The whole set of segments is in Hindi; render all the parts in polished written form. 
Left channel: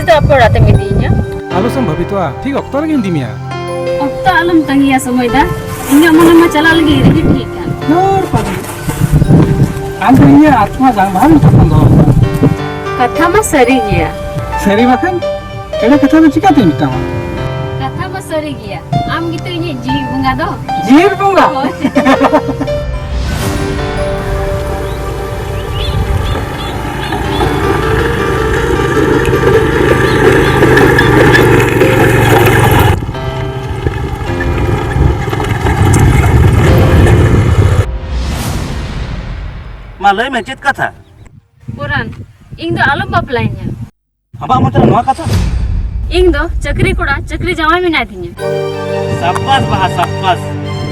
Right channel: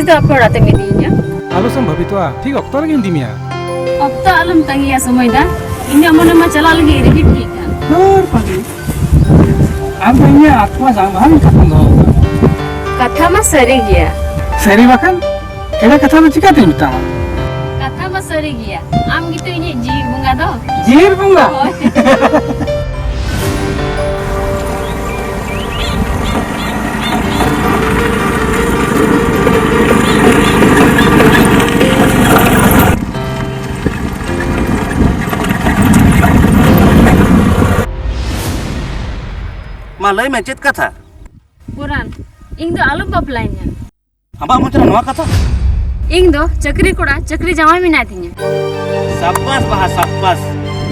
ᱛᱤᱥ ᱫᱚ ᱟᱯᱮ ᱚᱲᱟᱜ ᱛᱮᱢ ᱤᱫᱤᱧᱟ? ᱟᱞᱚᱥᱮᱢ ᱵᱷᱟᱵᱤᱛᱚᱜᱼᱟ, ᱴᱷᱤᱠ ᱚᱠᱛᱚ ᱨᱮᱜᱮ ᱤᱫᱤ ᱢᱮᱭᱟ। ᱚᱠᱛᱚ ᱟᱞᱚᱢ ᱛᱟᱸᱜᱤᱭᱟ ᱥᱚᱢᱚᱭ ᱫᱟ। ᱤᱧᱟᱹᱜ ᱢᱚᱱᱮ ᱢᱟ ᱪᱟᱞᱟᱜ ᱞᱟᱹᱜᱤᱫ ᱨᱮᱰᱤ ᱴᱷᱤᱠ ᱠᱟᱱ। ᱫᱚᱨ ᱯᱟᱜᱞᱤ ᱟᱢ ᱫᱚ ᱤᱧ ᱟᱛᱢᱟ ᱡᱟᱝ ᱵᱟᱦᱟ ᱞᱮᱠᱟᱢ ᱫᱚᱦᱚ ᱠᱟᱛᱷᱟ ᱢᱟ ᱥᱟᱹᱨᱤ ᱜᱮᱭᱟ। ᱥᱟᱹᱨᱤ ᱵᱟᱠᱷᱟᱱ ᱮᱲᱮ ᱠᱟᱛᱷᱟ ᱫᱚ ᱪᱤᱠᱟᱹᱛᱤᱧ ᱢᱮᱛᱟᱢᱟ? ᱠᱟᱛᱷᱟ ᱢᱟ ᱥᱟᱹᱨᱤ ᱜᱮᱭᱟ। ᱟᱢ ᱜᱮᱛᱚ ᱤᱧᱤᱡ ᱡᱤᱣᱤ ᱵᱚᱸᱜᱟ ᱫᱚ। ᱡᱤᱣᱤ ᱵᱚᱸᱜᱟ? ᱦᱳᱭ। मा लय में चेत कथा पुरान ᱤᱧ ᱫᱚ ᱟᱞᱚᱢ ᱵᱟᱯᱞᱟᱧᱟ। हबा मतलब नवा कथा ᱤᱧ ᱫᱚ ᱪᱟᱹᱠᱨᱤ ᱠᱚᱲᱟ ᱪᱟᱹᱠᱨᱤ ᱡᱟᱶᱟᱭ ᱢᱮᱱᱟᱭ ᱛᱤᱧᱟ। साब्बास बहा साब्बास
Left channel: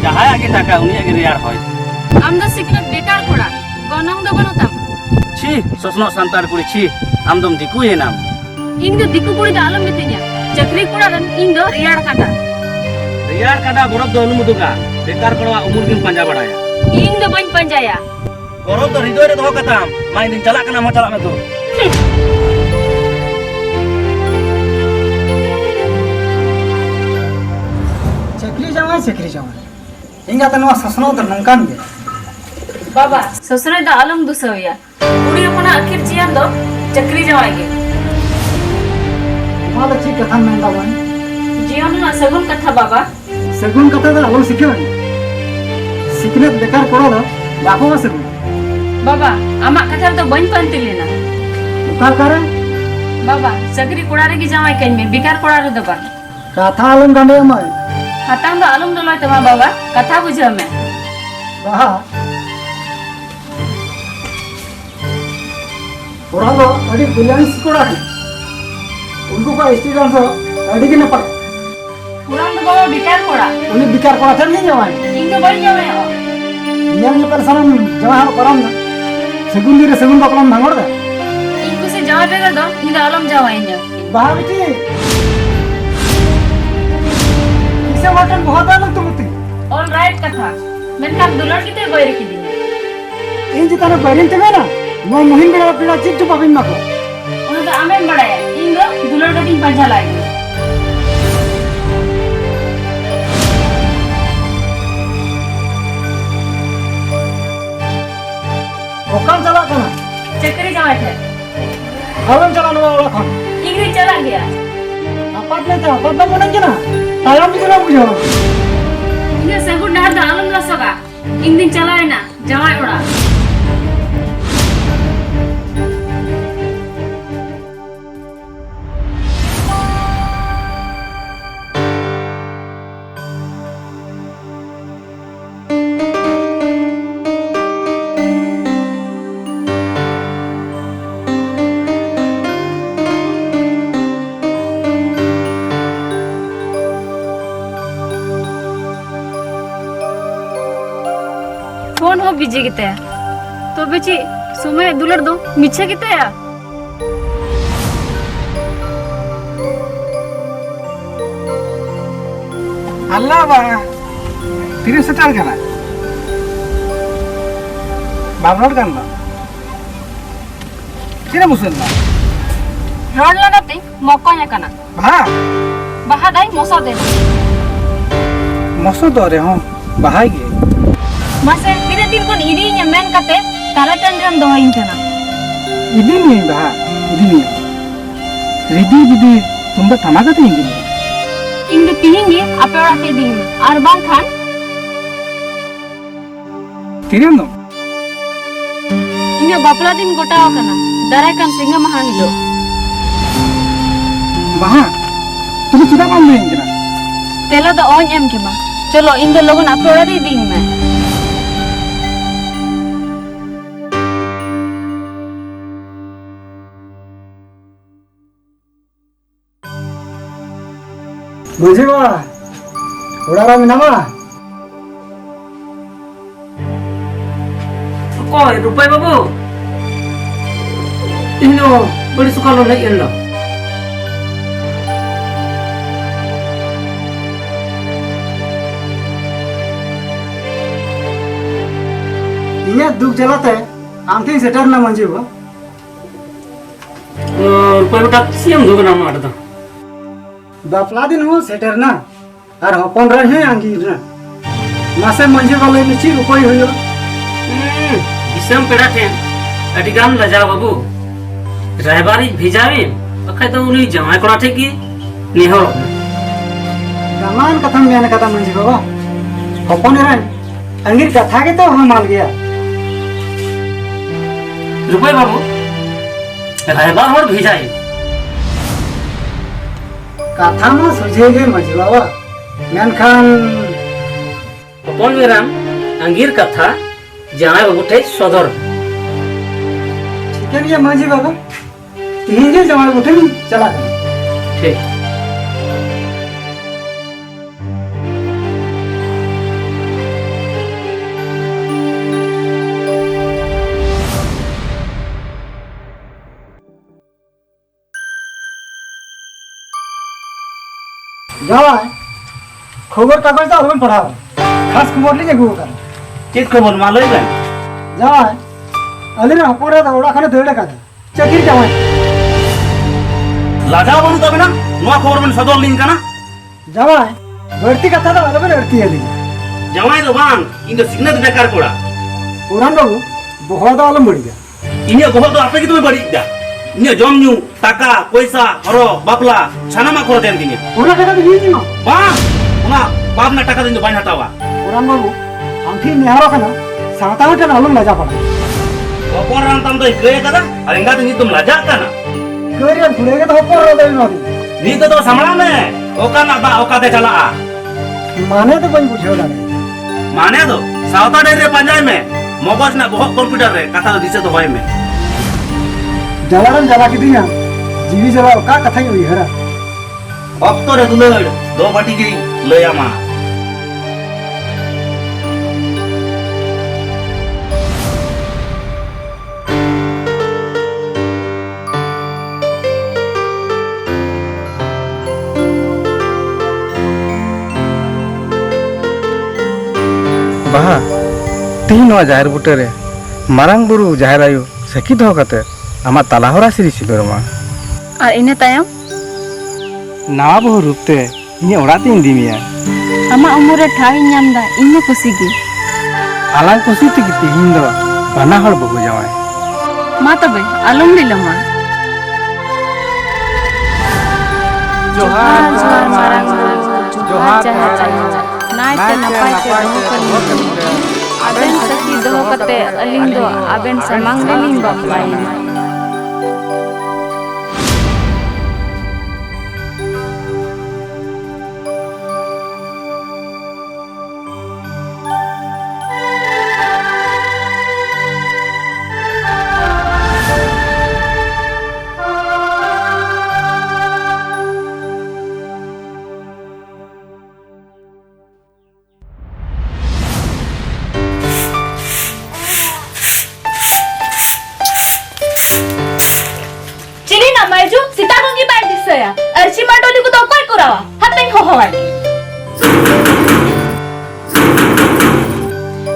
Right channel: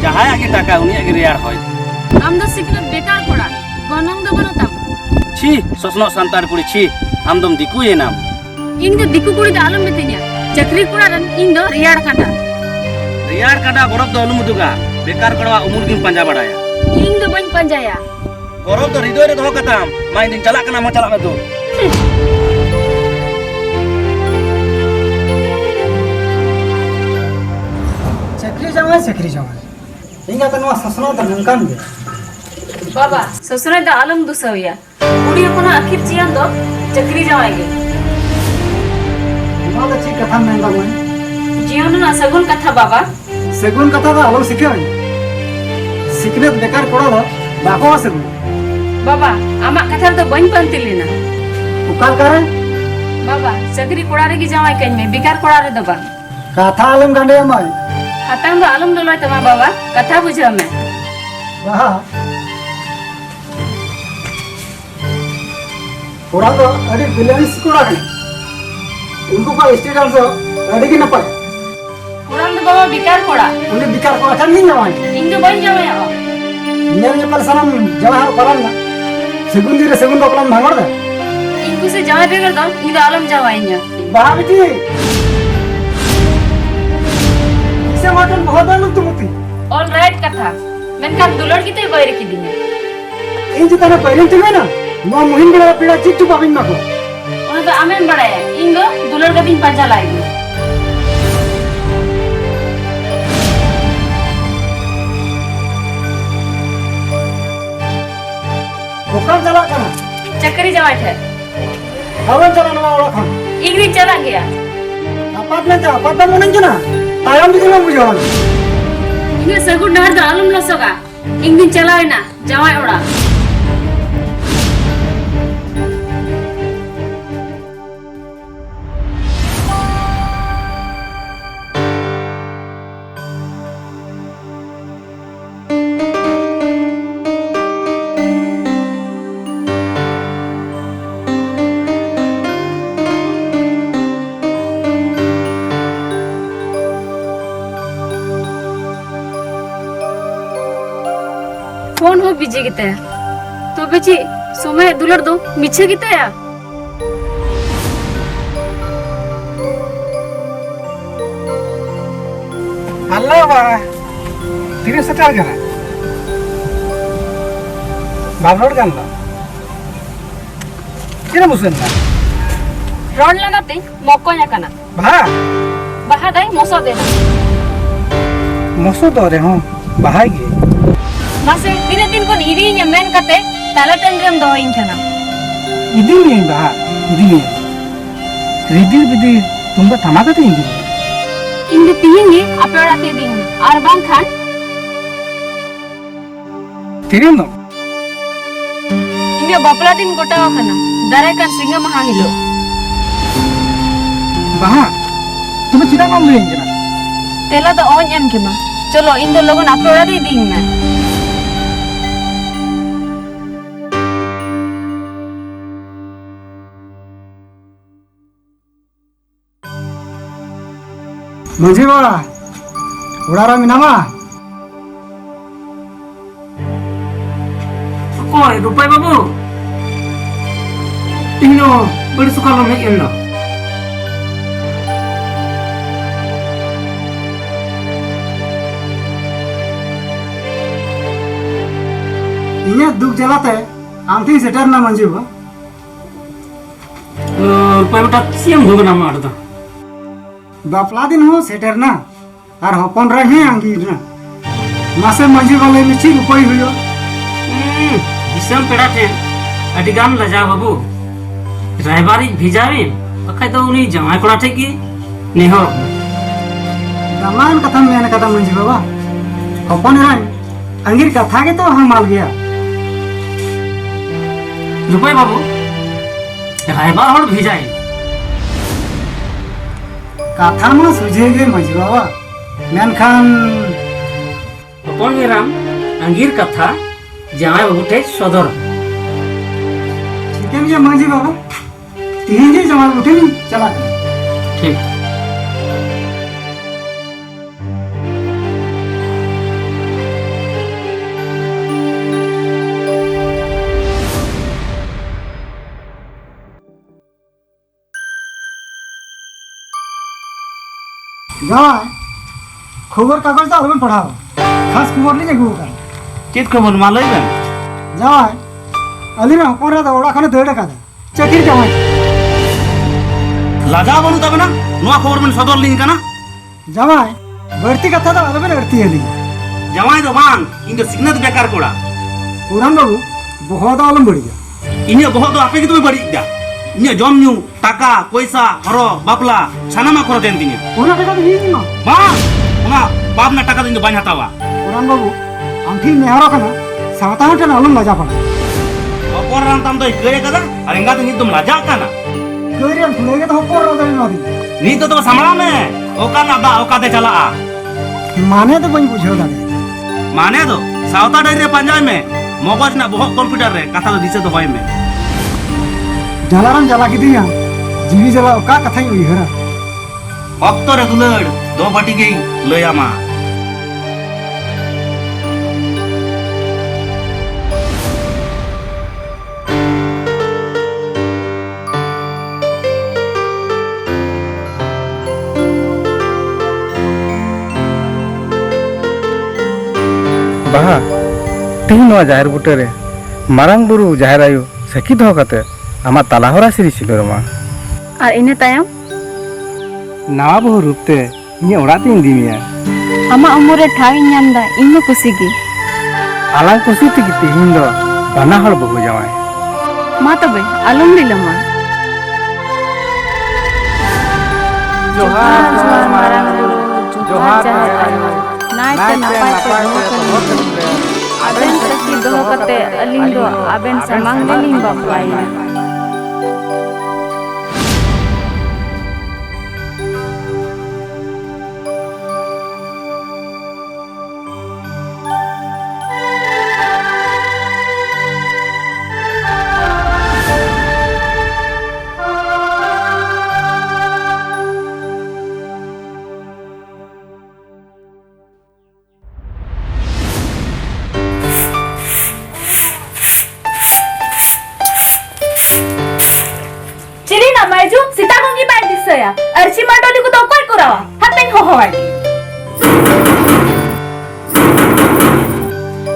जहां आगे टाका उनी आगे रियार होय ᱟᱢ ᱫᱚ ᱥᱤᱠᱷᱱᱟᱹᱛ ᱵᱮᱠᱟᱨ ᱠᱚᱲᱟ ᱜᱚᱱᱚᱝ ᱫᱚ ᱵᱟᱹᱱᱩᱜ ᱛᱟᱢ। छी ससनो संतार कुड़ी छी हम दम दिकू ये नाम ᱤᱧ ᱫᱚ ᱫᱤᱠᱩ ᱠᱩᱲᱤ ᱫᱚ ᱟᱞᱚᱢ ᱢᱤᱛᱟᱹᱧᱟ। ᱪᱟᱹᱠᱨᱤ ᱠᱚᱲᱟ ᱨᱮᱱ ᱤᱧ ᱫᱚ ᱨᱮᱭᱟᱲ ᱠᱟᱴᱟ। रियार काटा बरफ दो अनुमुदुगा बेकार कड़वा उमुर दिन पंजा बड़ाया ᱤᱧ ᱫᱚ ᱵᱟᱹᱧ ᱯᱟᱸᱡᱟᱭᱟ। बरफ दो हृदय रे दो कताम माय दिन चला कना मा चला में तू चक्री जावाई ᱤᱧ ᱟᱛᱮ ᱱᱚᱣᱟ ᱥᱟᱥᱱᱚ ᱫᱚ ᱱᱚᱝᱠᱟᱱ ᱜᱮ। बाबा ससुराल दा आलम दुसवया कुड़ी अपना आखिर जियन दो चक्री जावाएगे ᱱᱚᱣᱟ ᱫᱚ ᱪᱮᱫ ᱠᱟᱛᱷᱟᱢ ᱢᱮᱱ ᱫᱟ ᱵᱟᱹᱧ? जीवन ना सगुन कथा बाबा ᱥᱟᱹᱜᱩᱱ ᱠᱟᱛᱷᱟ ᱫᱚ ᱟᱞᱚᱢ ᱥᱤᱠᱷᱟᱹᱣᱧ। ᱥᱤᱠᱷᱱᱟᱹᱛ ᱵᱮᱠᱟর ᱠᱚᱲᱟ ᱫᱚ ᱵᱟᱠᱚ ᱥᱟᱹᱜᱩᱱ। बाबा आमा कथा तो बन पंती लेना ᱚᱠᱟ ᱞᱮᱠᱟᱨᱮ? बाबा चक्री कोड़ा रे की जावाई कइन में बेकार कोड़ा रे दो बन ᱠᱟᱛᱷᱟ ᱟᱞᱚᱢ ᱜᱟᱸᱰᱮᱭᱟ ᱢᱟᱹᱭ। हताम दो आलम दो लय तमा बाबा कथा बुझाव में ᱵᱟᱦᱟ ᱠᱚᱲᱟ ᱫᱚ ᱟᱹᱰᱤ ᱵᱮᱞᱮᱱᱥ ᱠᱚᱲᱟ ᱠᱟᱱᱟ। उनको का स्टूडेंट हो अड़ी की नपाय पुरान दो बाबा बेकार कोड़ा उन्हें बिकार को आचर नहीं जावाई इन दो बन जावाई हो नियर ने पर सरम जवाहर परम ना सेगुन दी रे सेगुन बकलम नांगर दा इनको से जावाई रे दो इन दो आलम जावाई nya बाहर की इसे वाटन बहुत आनंद तुमती ऑल राइट कथा मैं का दुलड़ की ते बैर की दी इन जिताने बैरन चमे ना मो मुहिन बड़ा पीड़ा चिट्टू पाबिन ना को उन दो आमें बड़ाया इन दो दुलड़ का दिन पंजा लाई ओकल चला कना चक्री जावाई थे हवन चला ना वाला खान इंग्लिश चला गया अपार्टमेंट है अपार्टमेंट में नहीं ना तायाम भी करो बुझो इने सगुन डहर दा आलम लो सगा इन दिन चलाए ना जावाई ओड़ा फोन हो बिजी गिते तो बेची समय दुलड़ दो मिछे गिते या अल्लाह बा तीरे सताल कना बाबरोड कांदा किरा मुसन ना रोड लगाते मौका nya kana बा बाहा दाई मोसो दे मसो दरे हो बाहाई गे मासे तीरे दिन को eri nya men kate tala tangam do hin kana इदी नहीं बा इदी नहीं रिदी बिदी तुम तो तमाका तो इंदी इन दे तीन ये अपेड़ा के दिन और बांग खान तेरे नो इन बापला दिन गोटा kana दारे kan singa maha hilo बहा तुम चिदा काम नहीं इंदी तेला तो ऑन एम की मा चलो इन दे लोगन अपेड़ा दे दिन में मुझे बा उड़ारा मिनामा कोय रुपय बाबू इन्नो बड़ी सुखालो नहीं एल्ला इन्हें दुख जलाते आंटी सेटर ना मंजे बा रुपये बेटा सियम दो ना मार दो बापला दिन हो सेटर ना और हपन रहे आंगीर ना मासे मंजे वाले में ची रुपये हुई इसम पेड़ा थे अटिगाम लजा बाबू रायबारी भिजावी बखाय तो उनी जमाय कोड़ा थे की नेहो दामान कथम में कथा मंजे बाबा हपन रहे आंगीर कथा के तो हम माल गया रुपये बाबू रायबार और भिजाई कथा में सुझेगे मंजे बाबा मेनखान कौन मेराम अंगीर कथा जहाँ बाबू थे सदर ठीक है मंजे बाबा तीन जे जमा उठे चला ठीक जाए खबर कागज तो अलग पढ़ा खास खबर नहीं जगू का चेत खबर मालूम है जाए अली ना पूरा तो ओड़ा खाने धोड़े का चेकिंग जाओ लाजा बाबू तब ना नवा खबर में सदर लिंक ना जाए बढ़ती कथा तो अलग बढ़ती है ली जमाई तो बांग इनका सिग्नल बेकार कोड़ा पुरान बाबू बहुत अलग बढ़ गया इन्हें बहुत तो आपे की तुम्हें बड़ी क्या इन्हें जम न्यू टाका पैसा हरो बापला छाना मा कर देन दिने पूरा कथा तो नहीं ना बांग ना बाद में टाका दिन बाइन हटावा पुरान बाबू हम ठीक निहारो कना सावता के अलग मजा पड़ा और रंग तम तो गए कदा अरेंगा तो नहीं तुम लाजा का ना करिया भूलेगा तो ऊपर रो दे ना नी तो संभला में ओका ना दा ओका दे चला माने तो कोई पूछो ना माने तो सावता डेरे पंजाब में मगज ना बहुत कंप्यूटर रे कथा तो दिसे तो होय में जलारम जला की दिया जीवी जला का कथा हुई है अब तो रे दुलड़ दो बाटी की लोया मा बाहा तीन हजार बुटेरे मारांग बुरु जहार आयु सखी दो कते आमा तालाहरा सिरी सिबरमा और इन्हें तायम ना बहु रुपते इने ओड़ा तीन दिनिया आमा उम्र ठाई नामदा इन्हें खुशी की आलाय खुशी ती तिहिन दो बाना हर बहु जावाय मा तबे आलम दिलमा जोहार जोहार मारांग जोहार नायते नपाय को आबेन सखी दोह कते अलिंग दो आबेन समांग दलिंग बापलाइन मायजू सीता गंगी बाय दिसया अर्ची माटोली को तो कोई करावा हतें हो हवाई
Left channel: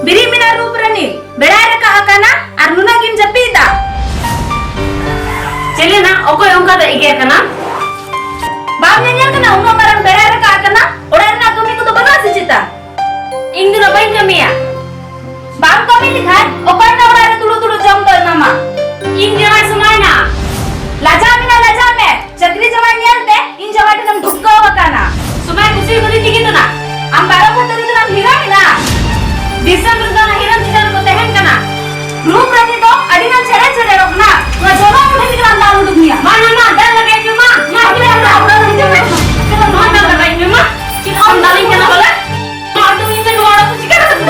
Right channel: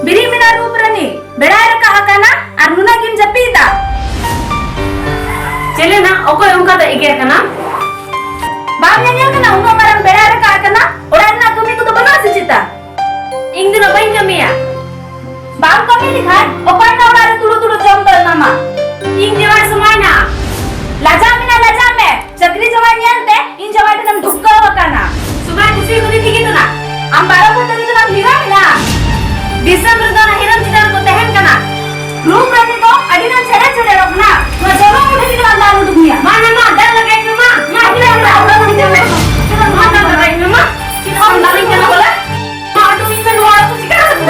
बिरी मिना रूप रनी बेड़ाय रका हकाना और नुना गिन जपीदा चले ना ओको उनका तो इगे कना बाप ने निया कना उनो मरन बेड़ाय रका हकाना ओड़ान ना तुमी को तो बना सिचिता इन दिनों बाइन कमिया बाप का भी लिखा है ओको ना ओड़ारे तुड़ो तुड़ो जम तो नामा इन दिनों समय ना लाजा में छतरी जवान नियंते इन जवान तन धुक्का होता ना सुबह खुशी होती थी कि तो ना हम बारह को तरी तो हिरा ना दिसंबर का ना हिरन दिसंबर को तहन कना रूप रहते तो अडिना छेड़े छेड़े रखना तो जोरो उठे की अंदार उठ गया माने मां डर लगे कि मां मां भी हमरा उड़ा नहीं जावे तो मां का बताई में मां कि हम डालिंग करना बोला मां तो इनसे दुआरा तो चिकन से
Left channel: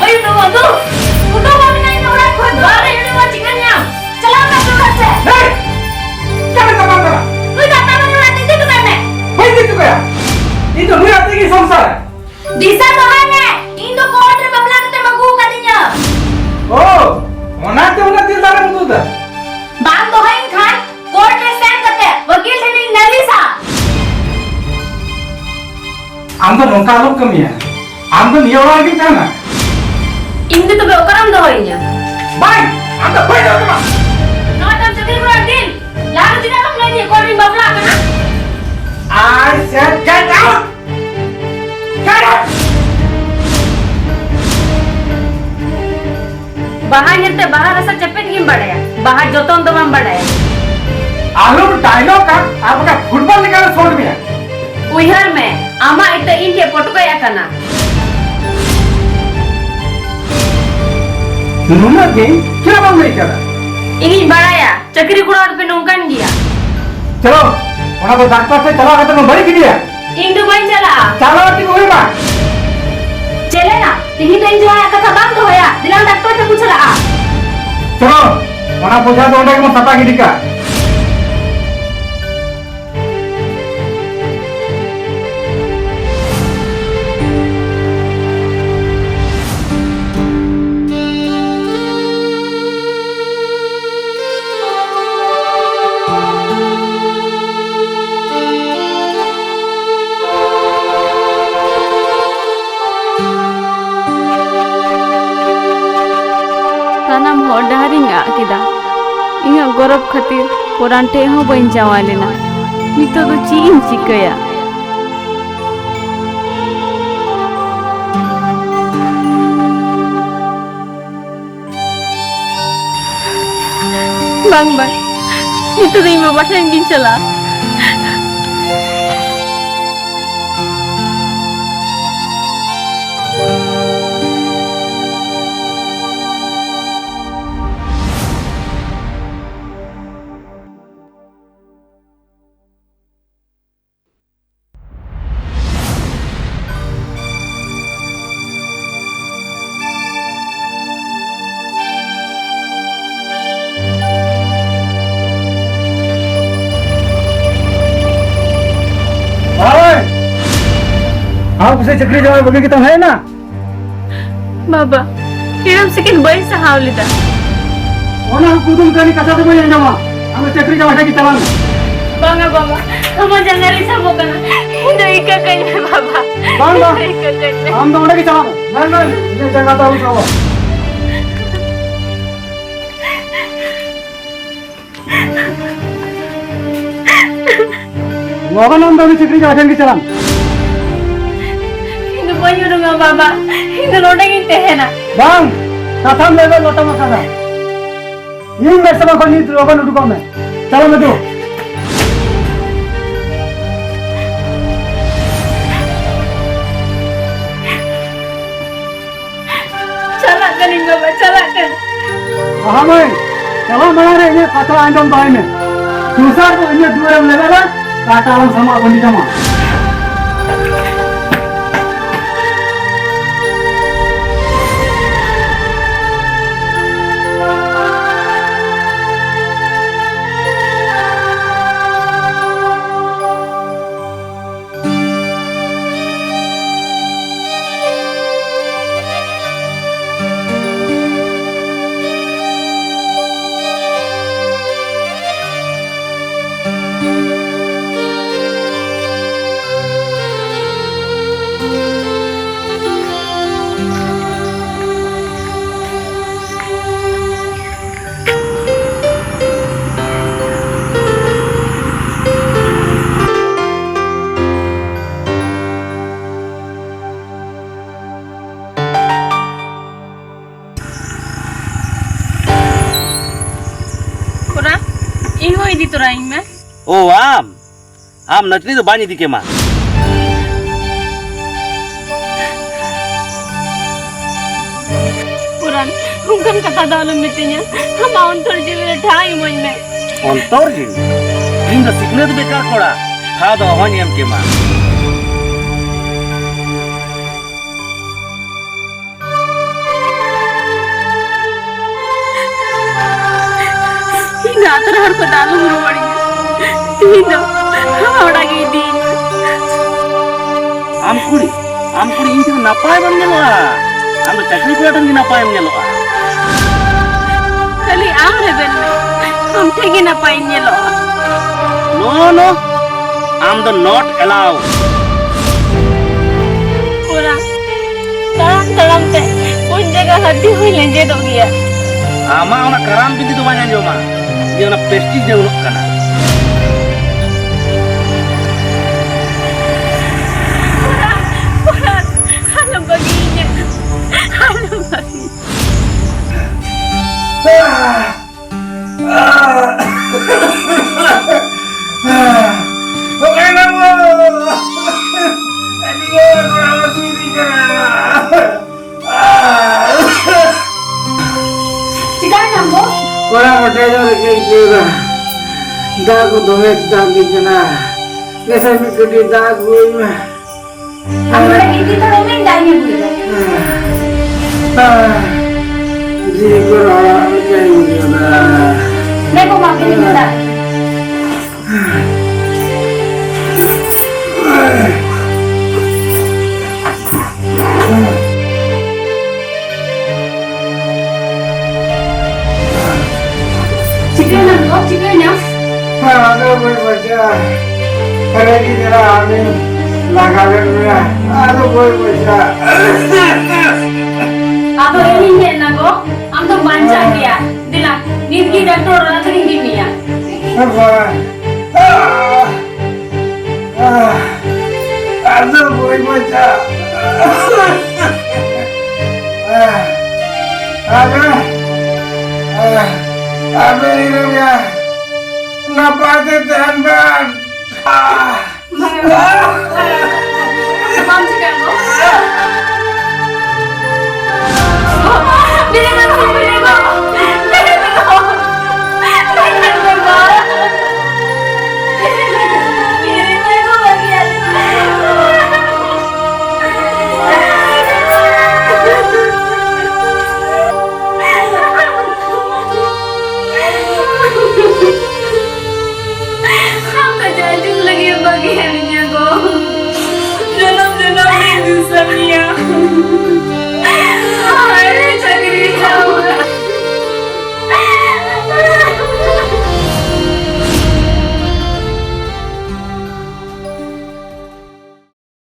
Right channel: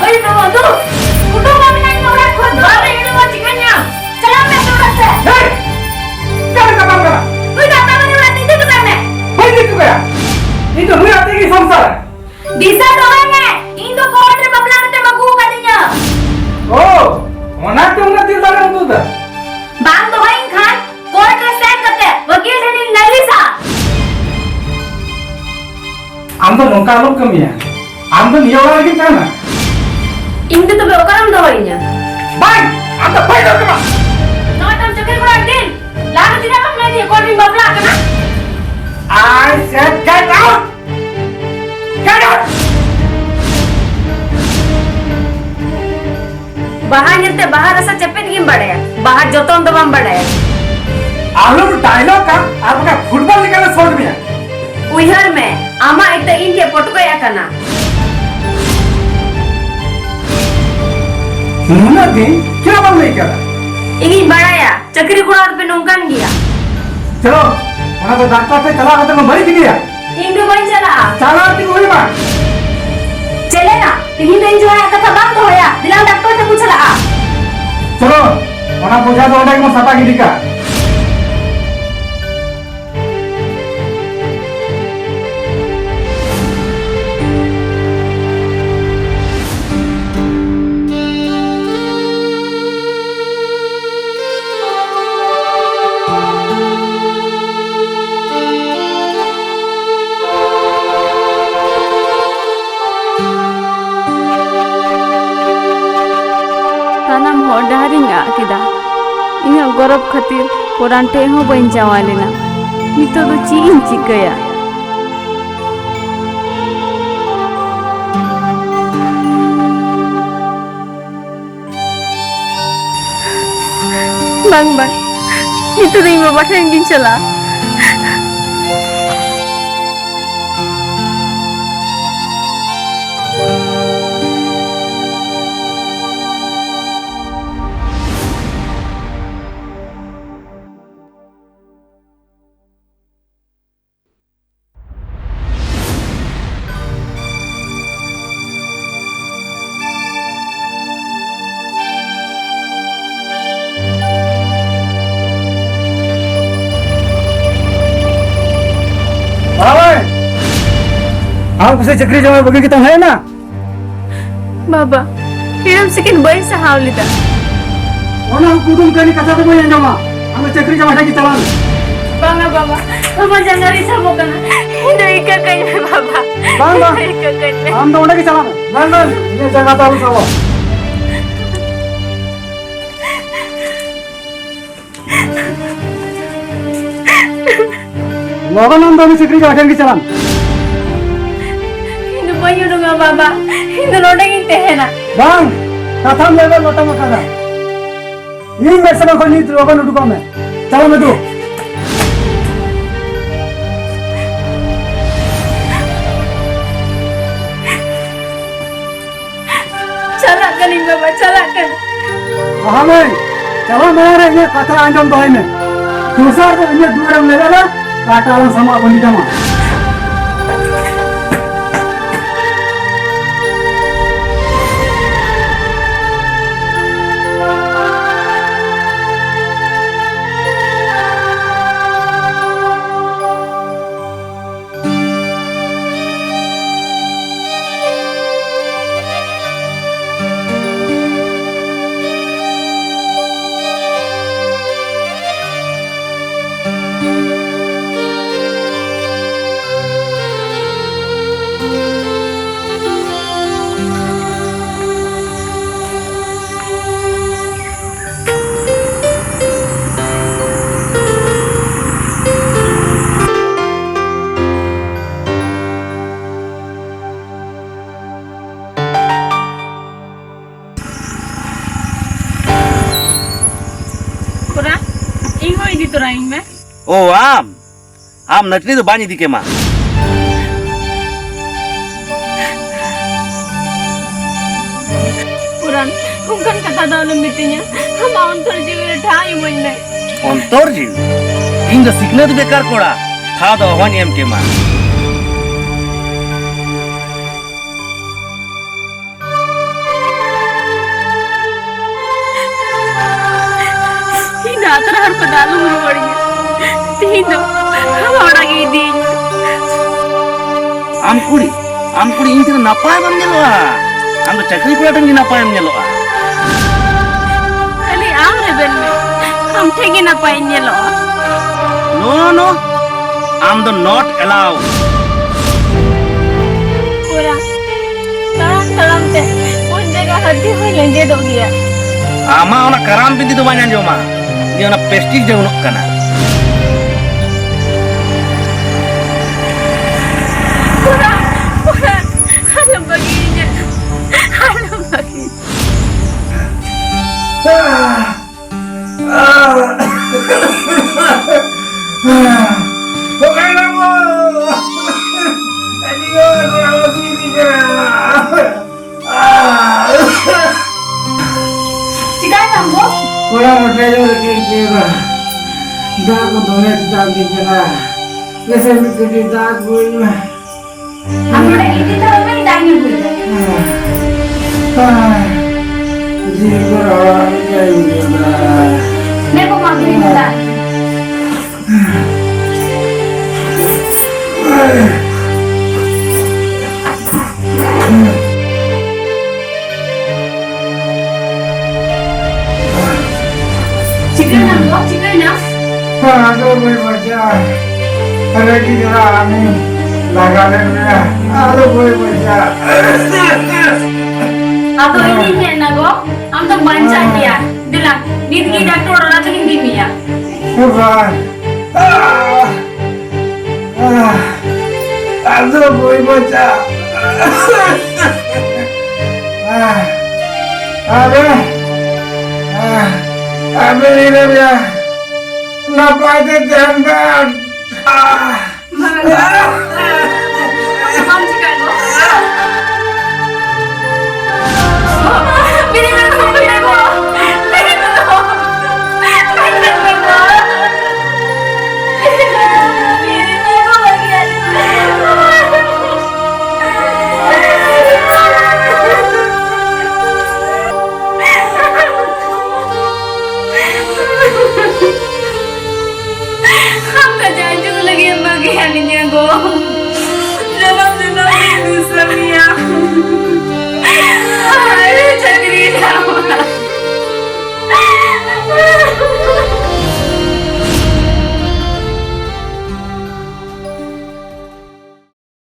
भाई तो दो उठो मम्मी नहीं थोड़ा खुद बारे ये तो चिकन ना चला मैं तो बच्चे क्या कमा करा कोई दाता नहीं रहती थी बता मैं भाई दी तू गया ये तो हुई आती की संसार दिशा तो है मैं इन दो कोर्ट रे बबला के मगू का दिया ओ होना तो ना दिल दाने मुतु दा बात तो है खान कोर्ट रे सेट करते वकील रे नलिसा आम तो नोका लोग कमी है आम तो निया वाला के काना इन तो बेवकरम दो होइnya भाई आम तो भाई दो कमा ना तम चक्कर बड़ा दिन लाग दिना बाहर निकलते बाहर ऐसा चपेट गिम बड़े बाहर जोतों तो बम बड़े आलू डायलॉग का आपका फुटबॉल निकाले छोड़ दिया उहर में आमा इतना इनके पटको या करना नूना दे क्या बन नहीं करा इन्हीं बड़ाया चक्री कुड़ा पे नौकन गया चलो वहां पे डॉक्टर से चला तो मैं बड़ी गया इंदु भाई चला चलो कि कोई बात चले ना इन्हीं दिन जो है कथा बंद होया दिलां डॉक्टर से पूछ रहा चलो वहां पूछा तो उन्हें मैं सता गिरी का सानाम हर डहारिंग आकिदा इन्हें गौरव खातिर पुरान ठे हो बन जावालेना नितो तो चीन चिकया bang bang itu dari bapak saya yang salah आप किसी चक्री जवाब बगी की तो है ना बाबा किरण सेकंड बड़ी सहावलिता ओना कुदुम कनी कथा तो मैं ना हम चक्री जवाब है की तलान bangga bangga kamu jangan risau bukan ini kakaknya bapak बांग बांग ini kakaknya हम तो उन्हें की चलान नहीं ये जगह तो उसे वो लोगों ने तो चक्री जवाब की चलान ini banyak dong bapak ini roda gitu ya na बांग कथा में लेवल लोटा में कथा नहीं मेरे से कोई नहीं लोगों ने दुकान में चलो मैं दो calakan ini bapak calakan वहाँ में चलो मेरे ये कथा आंदम तो है में दूसरा तो उन्हें दूर में लेगा ना काटाल sama बंदी कमा Iho ini tuh raing mah. Oh am natni to bani dike ma Puran, bukan kata dalam meetingnya. Mau untuk jadi ढाई महीने. ontor ji in the signal bekar kora tha do honi am ke ma Ini atar har pada dalam rumah Tino, orang ini. am kuri in tin napay ban nyelo am to chakri ko tan napay am nyelo Kali amre ben. Am thegi na painnya lo. no am the not allowed Puran, terang teh. Un jaga hati hui lenge dong ya. ama ona karam binti to bani anjoma dia na prestige de unok kana Puran, halam baginya. Halam bagi. Dago domet dami kena. Kesa mikudi dago ima. Amore ini tahu main daging dulu. Jigo rawa kena. Nego makin muda. Chicken na, chicken na. Ada boleh baca. Ada di dalam ini. Lagalennya. Ada boleh baca. Ado ini ni nago. Am to banca dia. Dila, nidgi doctor orang tu nidgi dia. Apa? Ada boleh baca. Ada ini dia. Napa dia tembak?